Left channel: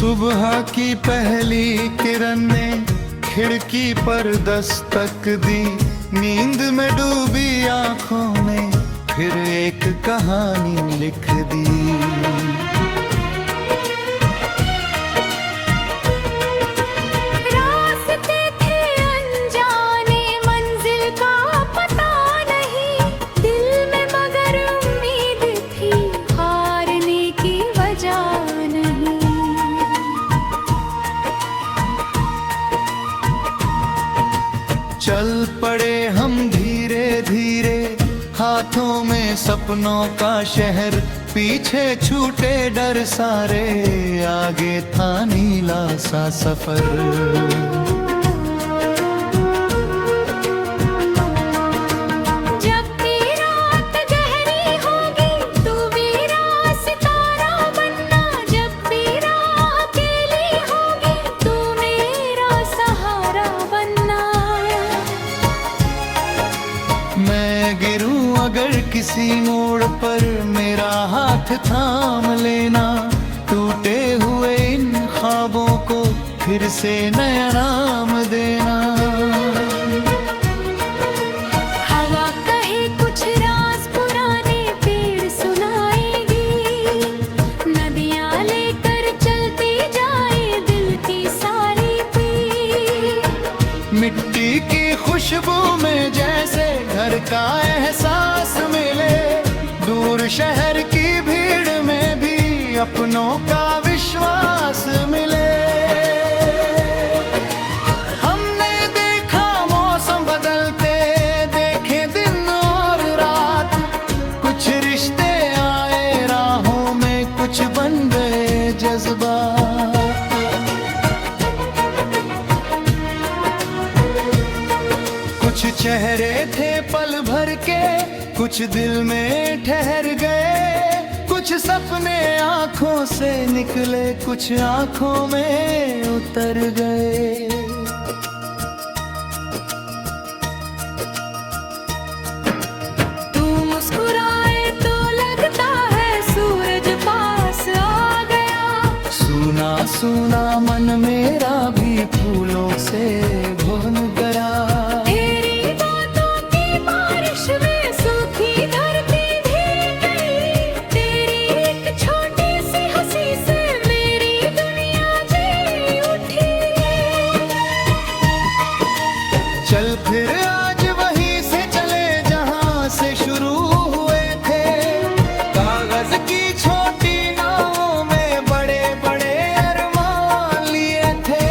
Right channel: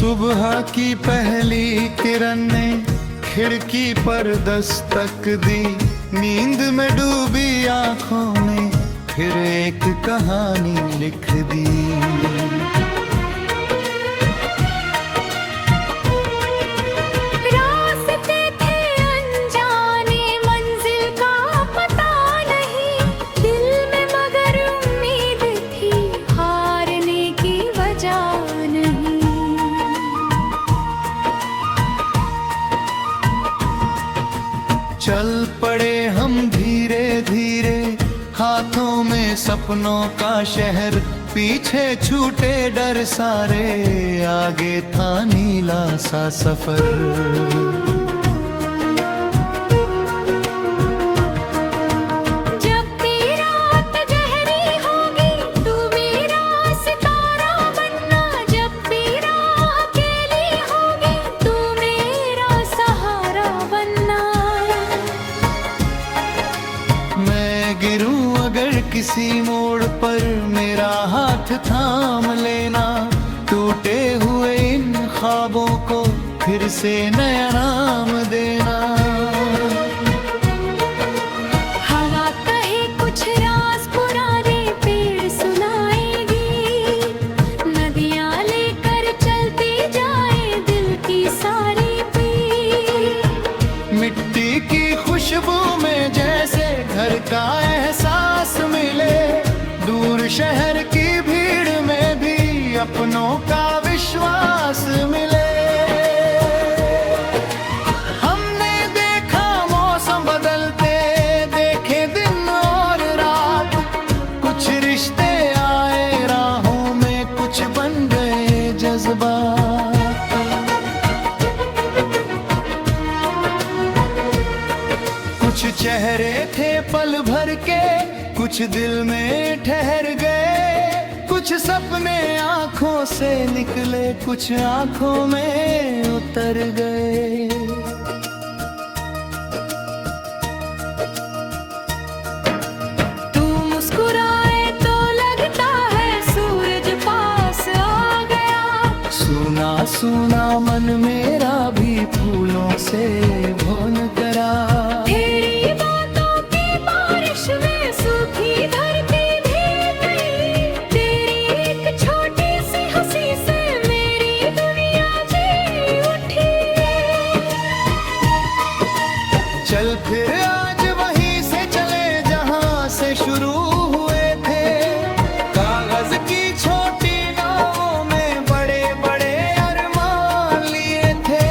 सुबह की पहली किरण ने खिड़की पर दस्तक दी, नींद में डूबी आंखों ने फिर एक कहानी लिख दी। रास्ते थे अनजाने, मंजिल का पता नहीं, दिल में मगर उम्मीद थी, हारने की वजह नहीं। चल पड़े हम धीरे धीरे, हाथों में सपनों का शहर, पीछे छूटे डर सारे, आगे था नीला सा सफर। जब भी रात गहरी होगी तू मेरा सितारा बनना, जब भी रात अकेली होगी तू मेरा सहारा बनना। मैं गिरूं अगर किसी मोड़ पर, मेरा हाथ थाम लेना, टूटे हुए इन ख्वाबों को फिर से नया नाम देना। हवा कहे कुछ राज पुराने पेड़ सुनाएगी, नदियाँ लेकर चलती जाए दिल की सारी पीर। मिट्टी की खुशबू में जैसे घर का एहसास मिले, दूर शहर की भीड़ में भी अपनों का विश्वास मिले। हमने देखा मौसम बदलते, देखे दिन और रात, कुछ रिश्ते आए राहों में, कुछ बन गए जज्बात। कुछ चेहरे थे पल भर के, कुछ दिल में ठहर गए, कुछ सपने आंखों से निकले, कुछ आंखों में उतर गए। तू मुस्कुराए तो लगता है सूरज पास आ गया, सूना सूना मन मेरा भी फूलों से भुन गया। तेरी बातों की बारिश में सूखी धरती भीग गई, तेरी एक छोटी सी हंसी से मेरी दुनिया जी उठी। चल फिर आज वहीं से चले जहां से शुरू हुए थे, कागज की छोटी नावों में बड़े बड़े अरमान लिए थे।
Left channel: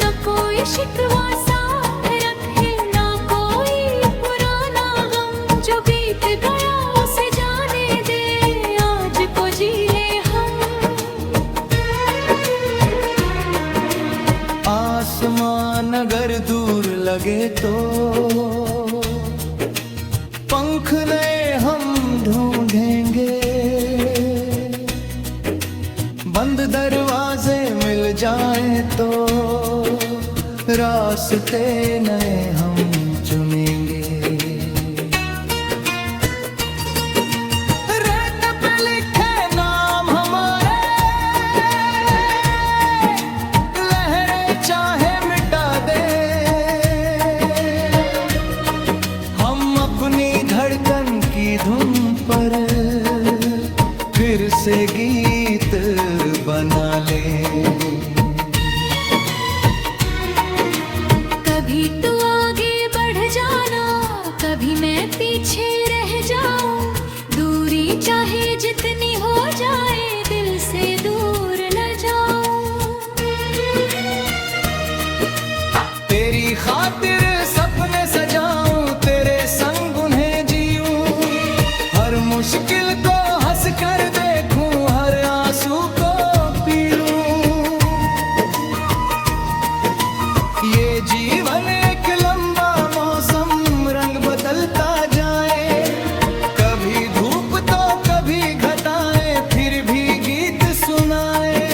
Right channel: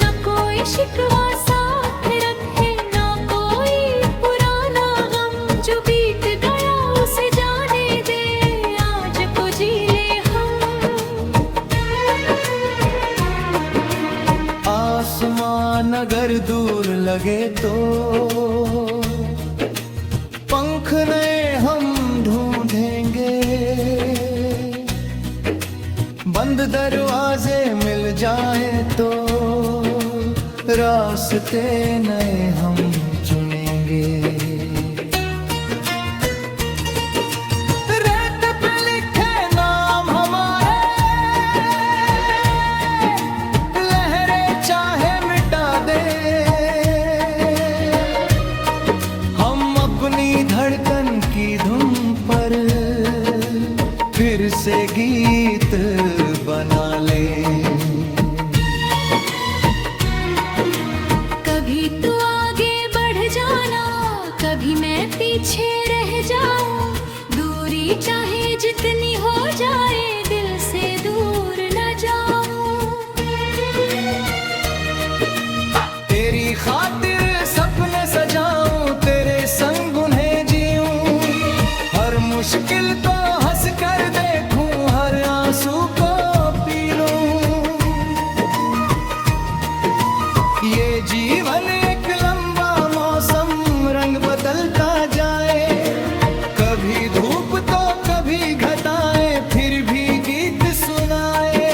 न कोई शिकवा साथ रखे, ना कोई पुराना गम, जो बीत गया उसे जाने दे, आज को जी ले हम। आसमान अगर दूर लगे तो पंख नए हम ढूंढेंगे, बंद दरवाजे मिल जाए तो रास्ते नए हम चुनेंगे। रेत पे लिखे नाम हमारे, लहरें चाहे मिटा दे, हम अपनी धड़कन की धुन पर फिर से गीत बना ले। कभी तू आगे बढ़ जाना, कभी मैं पीछे रह जाऊं, दूरी चाहे जितनी हो जाए दिल से दूर न जाऊं। तेरी खातिर सपने सजाऊं, तेरे संग उन्हें जीऊं, हर मुश्किल को हंस कर देखूं, हर आंसू को पी लूं। ये जीवन एक लंबा मौसम, रंग बदलता जाए, कभी धूप तो कभी घटाएं, फिर भी गीत सुनाए।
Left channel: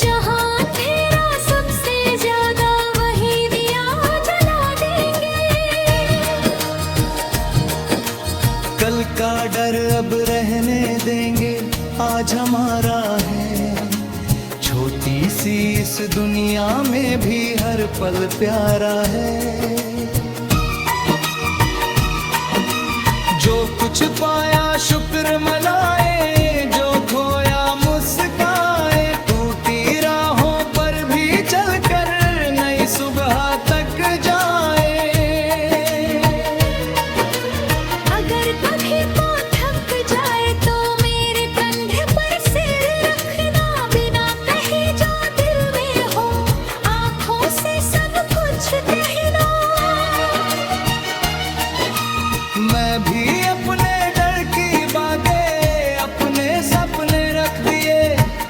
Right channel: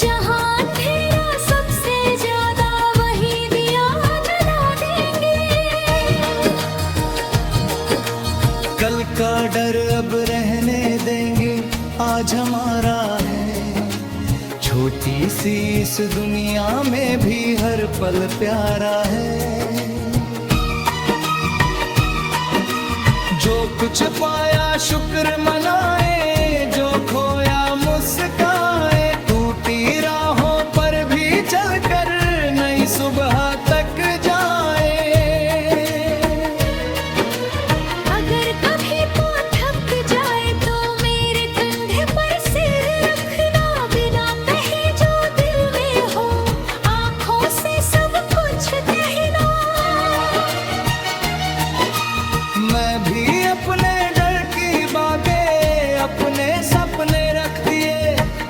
जहां अंधेरा सबसे ज्यादा वही दिया जला का डर अब रहने देंगे, आज हमारा है। छोटी सी इस दुनिया में भी हर पल प्यारा है। जो कुछ पाया शुक्र मनाए, जो खोया मुस्काए। टूटी राहों पर भी चलकर नई सुबह तक जाए। अगर कभी तो थक जाए तो मेरे कंधे पर सिर रखना। बिना कहे जो दिल में हो, आंखों से सब कुछ कहना। मैं भी अपने डर की बागे अपने सपने रख दिए।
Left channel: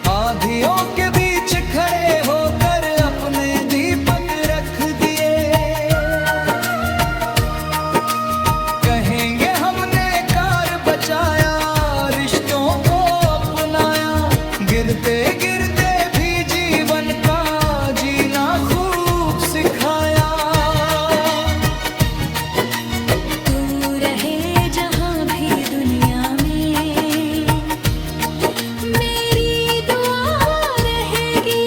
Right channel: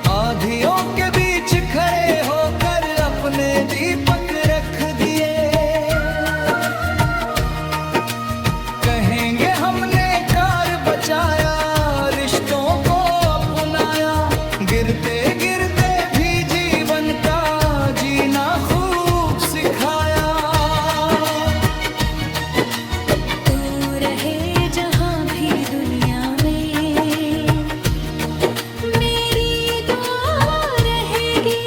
आधियों के बीच खड़े होकर अपने दीपक रख दिए। कहेंगे हमने कार बचाया, रिश्तों को अपनाया। गिरते गिरते भी जीवन का जीना खूब सिखाया। रहे जहाँ भी दुनिया में, मेरी दुआ रहेगी।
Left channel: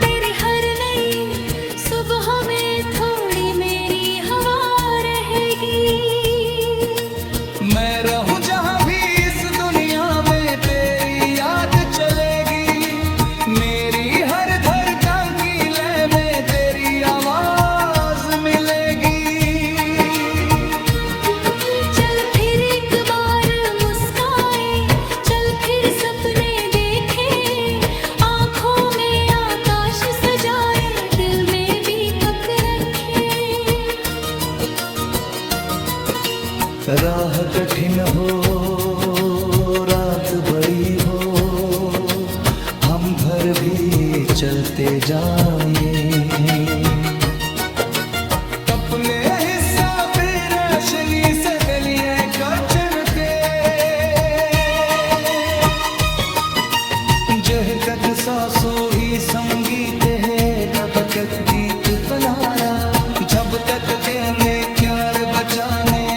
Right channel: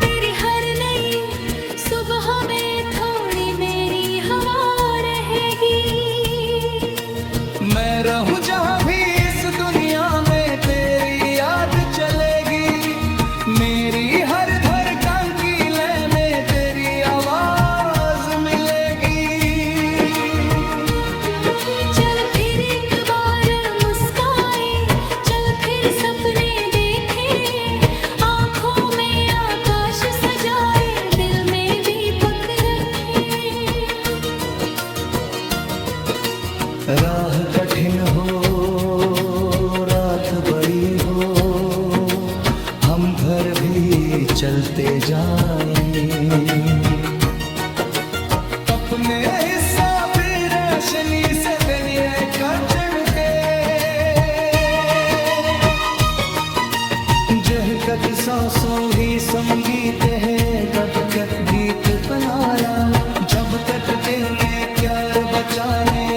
तेरी हर नई सुबह में थोड़ी मेरी हवा रहेगी। मैं रहूं जहाँ भी इस दुनिया में, तेरी याद चलेगी। मेरी हर धड़कन की लय में तेरी आवाज मिलेगी। चल फिर एक बार मुस्काए, चल फिर सपने देखे। आंखों में आकाश सजाए, दिल में दीपक रखे। राह कठिन हो, रात बड़ी हो, हम भर भी चलते जाएं। अपने हिस्सा भी रोशनी से दलिए कचनते। जहकत सांसों ही संगीत है, तब तक गीत बनारा। जब तक तेने प्यार बचाने।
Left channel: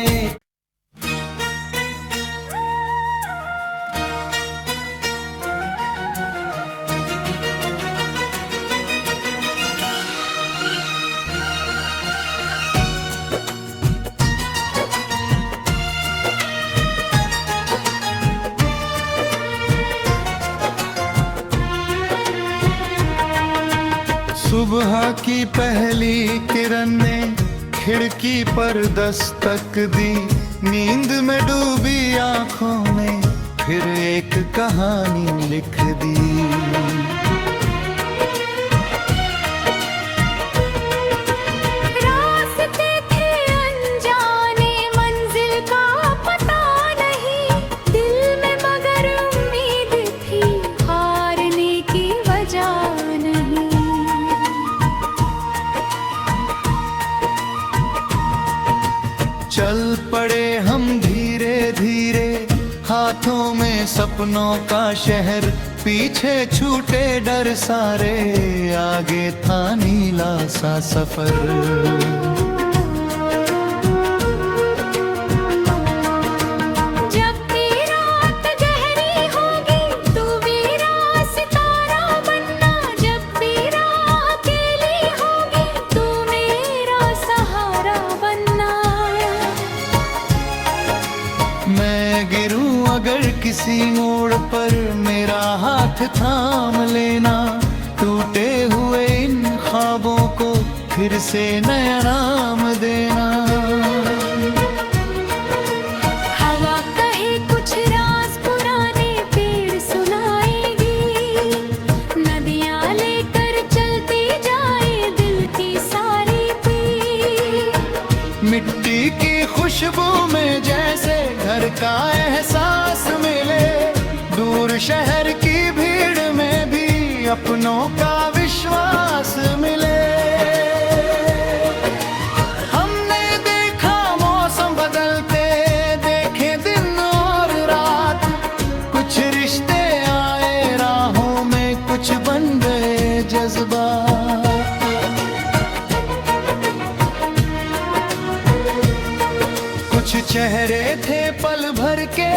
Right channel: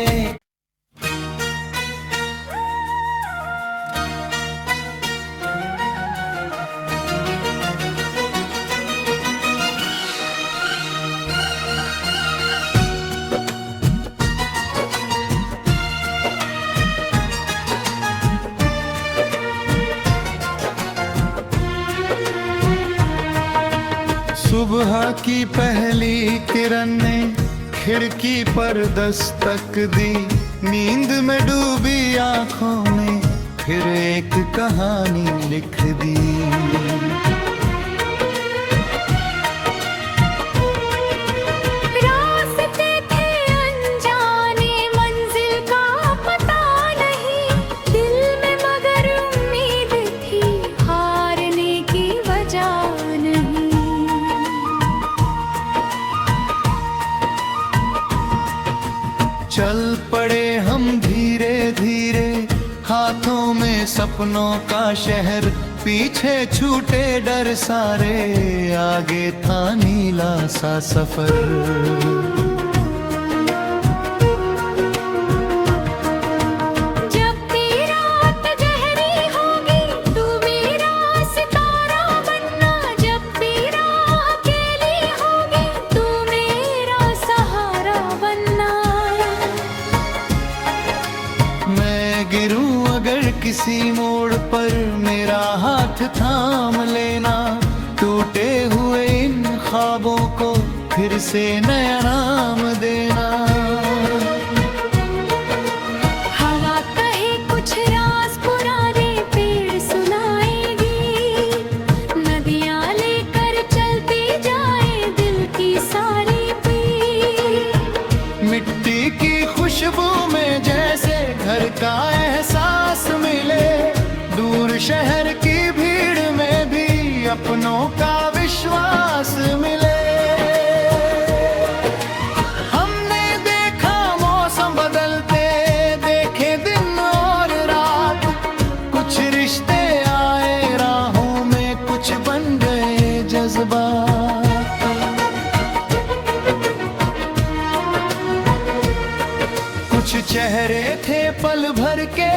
सुबह की पहली किरण ने खिड़की पर दस्तक दी। नींद में डूबी आंखों ने फिर एक कहानी लिख दी। रास्ते थे अनजाने, मंजिल का पता नहीं। दिल में मगर उम्मीद थी, हारने की वजह नहीं। चल पड़े हम धीरे धीरे, हाथों में सपनों का शहर। पीछे छूटे डर सारे, आगे था नीला सा सफर। जब भी रात गहरी होगी, तू मेरा सितारा बनना। जब भी रात अकेली होगी, तू मेरा सहारा बनना। मैं गिरूं अगर किसी मोड़ पर, मेरा हाथ थाम लेना। टूटे हुए इन ख्वाबों को फिर से नया नाम देना। हवा कहे कुछ राज पुराने, पेड़ सुनाएगी। नदियाँ लेकर चलती जाए दिल की सारी पीर। मिट्टी की खुशबू में जैसे घर का एहसास मिले। दूर शहर की भीड़ में भी अपनों का विश्वास मिले। हमने देखा मौसम बदलते, देखे दिन और रात। कुछ रिश्ते आए राहों में, कुछ बन गए जज्बात। कुछ चेहरे थे पल भर के,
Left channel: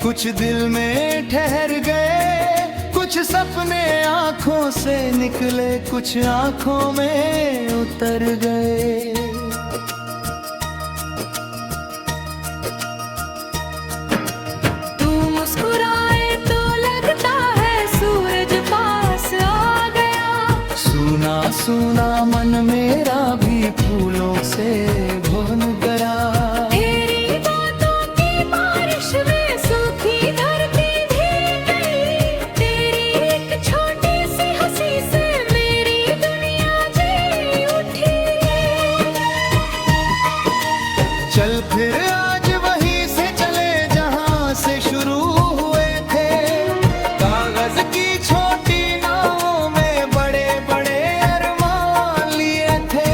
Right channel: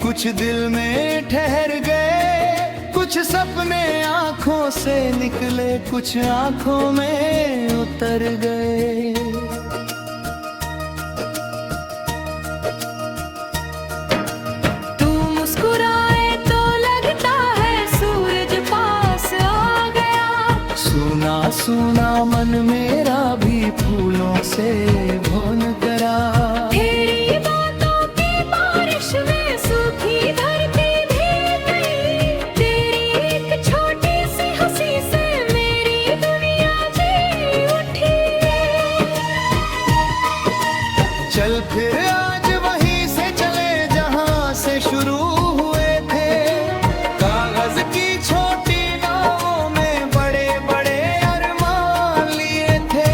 कुछ दिल में ठहर गए, कुछ सपने आंखों से निकले, कुछ आंखों में उतर गए। तू मुस्कुराए तो लगता है सूरज पास आ गया। सुना सुना मन मेरा भी फूलों से भुन गया। तेरी बातों की बारिश में सूखी धरती भीग गई। तेरी एक छोटी सी हंसी से मेरी दुनिया जी उठी। चल फिर आज वहीं से चले जहां से शुरू हुए थे। कागज की छोटी नावों में बड़े बड़े अरमान लिए थे।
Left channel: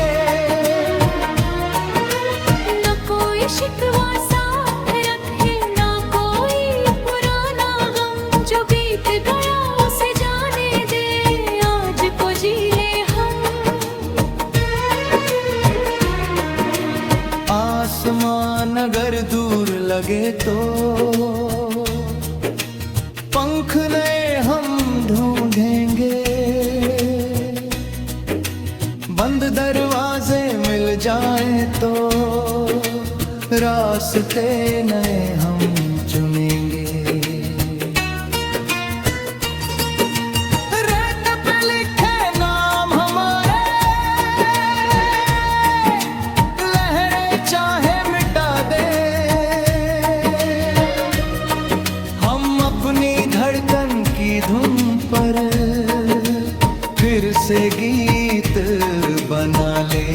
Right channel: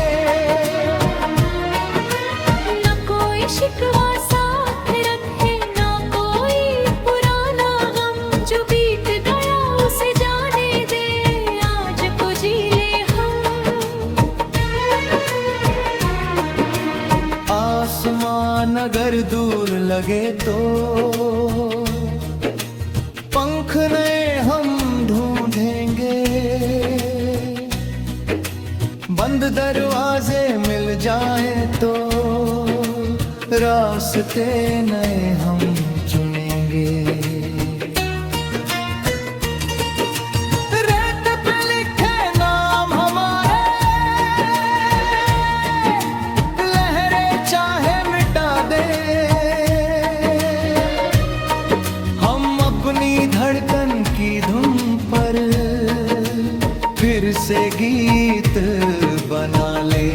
न कोई शिकवा साथ रखे, ना कोई पुराना गम। जो बीत गया उसे जाने दे, आज को जी ले हम। आसमान अगर दूर लगे तो पंख नए हम ढूंढेंगे। बंद दरवाजे मिल जाए तो रास्ते नए हम चुनेंगे। रेत पे लिखे नाम हमारे, लहरें चाहे मिटा दे। हम अपनी धड़कन की धुन पर फिर से गीत बना ले।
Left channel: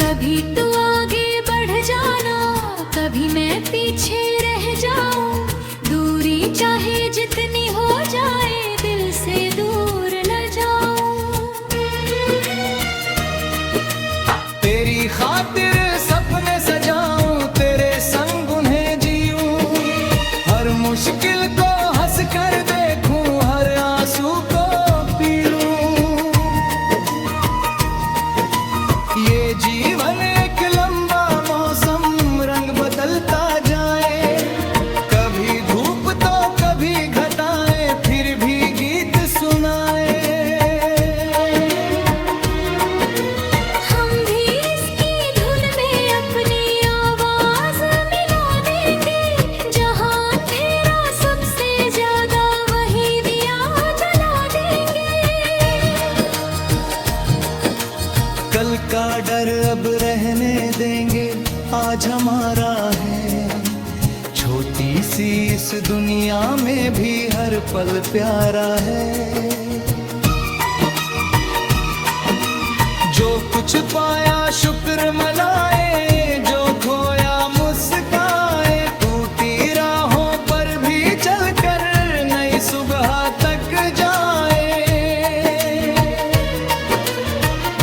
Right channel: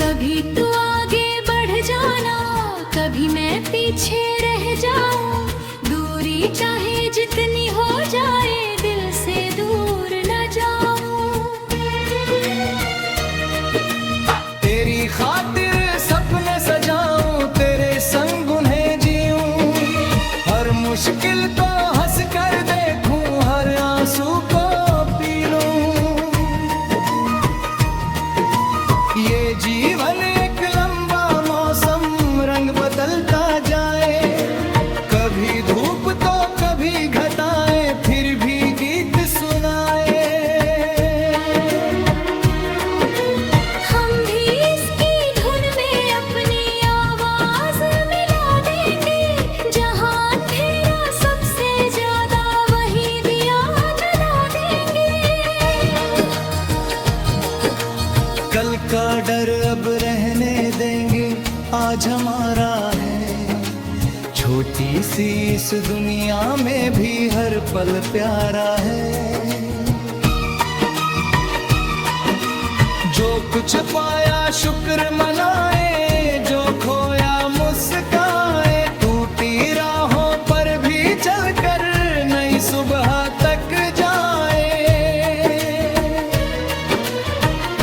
कभी तू आगे बढ़ जाना, कभी मैं पीछे रह जाऊं। दूरी चाहे जितनी हो जाए, दिल से दूर न जाऊं। तेरी खातिर सपने सजाऊं, तेरे संग उन्हें जीऊं। हर मुश्किल को हंस कर देखूं, हर आंसू को पी लूं। ये जीवन एक लंबा मौसम, रंग बदलता जाए। कभी धूप तो कभी घटाएं, फिर भी गीत सुनाए। हम भी इसकी धुन में अपनी आवाज मिला देंगे। जहां अंधेरा सबसे ज्यादा, वही दिया जला देंगे। कल का डर अब रहने देंगे, आज हमारा है। छोटी सी इस दुनिया में भी हर पल प्यारा है। जो कुछ पाया शुक्र मनाए, जो खोया मुस्काए। टूटी राहों पर भी चलकर नई सुबह तक जाए।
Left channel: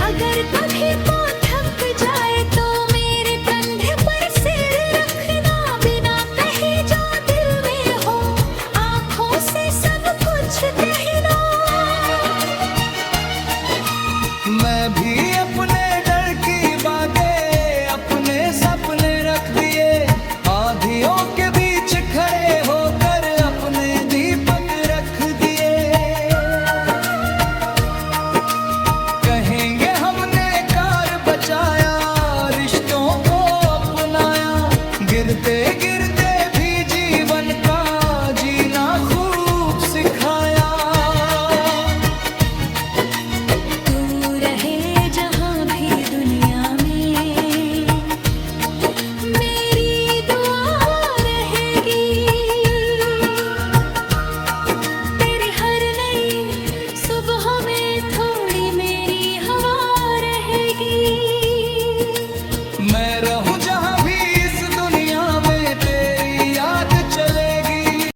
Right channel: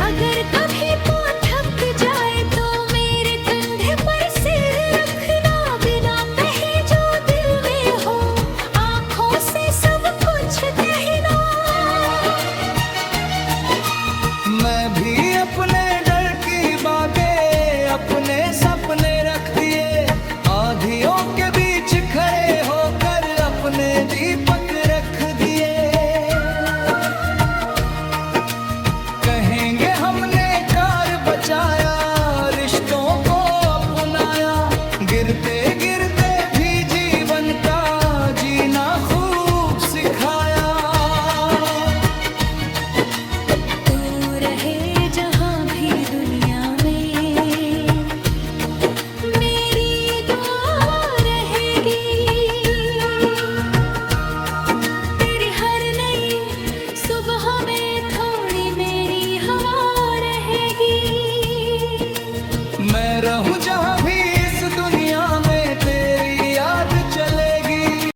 अगर कभी तो थक जाए तो मेरे कंधे पर सिर रखना। बिना कहे जो दिल में हो, आंखों से सब कुछ कहना। मैं भी अपने डर की बागे, अपने सपने रख दिए। आंधियों के बीच खड़े होकर अपने दीपक रख दिए। कहेंगे हमने कार बचाया, रिश्तों को अपनाया। गिरते गिरते भी जीवन का जीना खूब सिखाया। तू रहे जहां भी दुनिया में, मेरी दुआ रहेगी। तेरी हर नई सुबह में थोड़ी मेरी हवा रहेगी। मैं रहूं जहां भी इस दुनिया में, तेरी याद चले।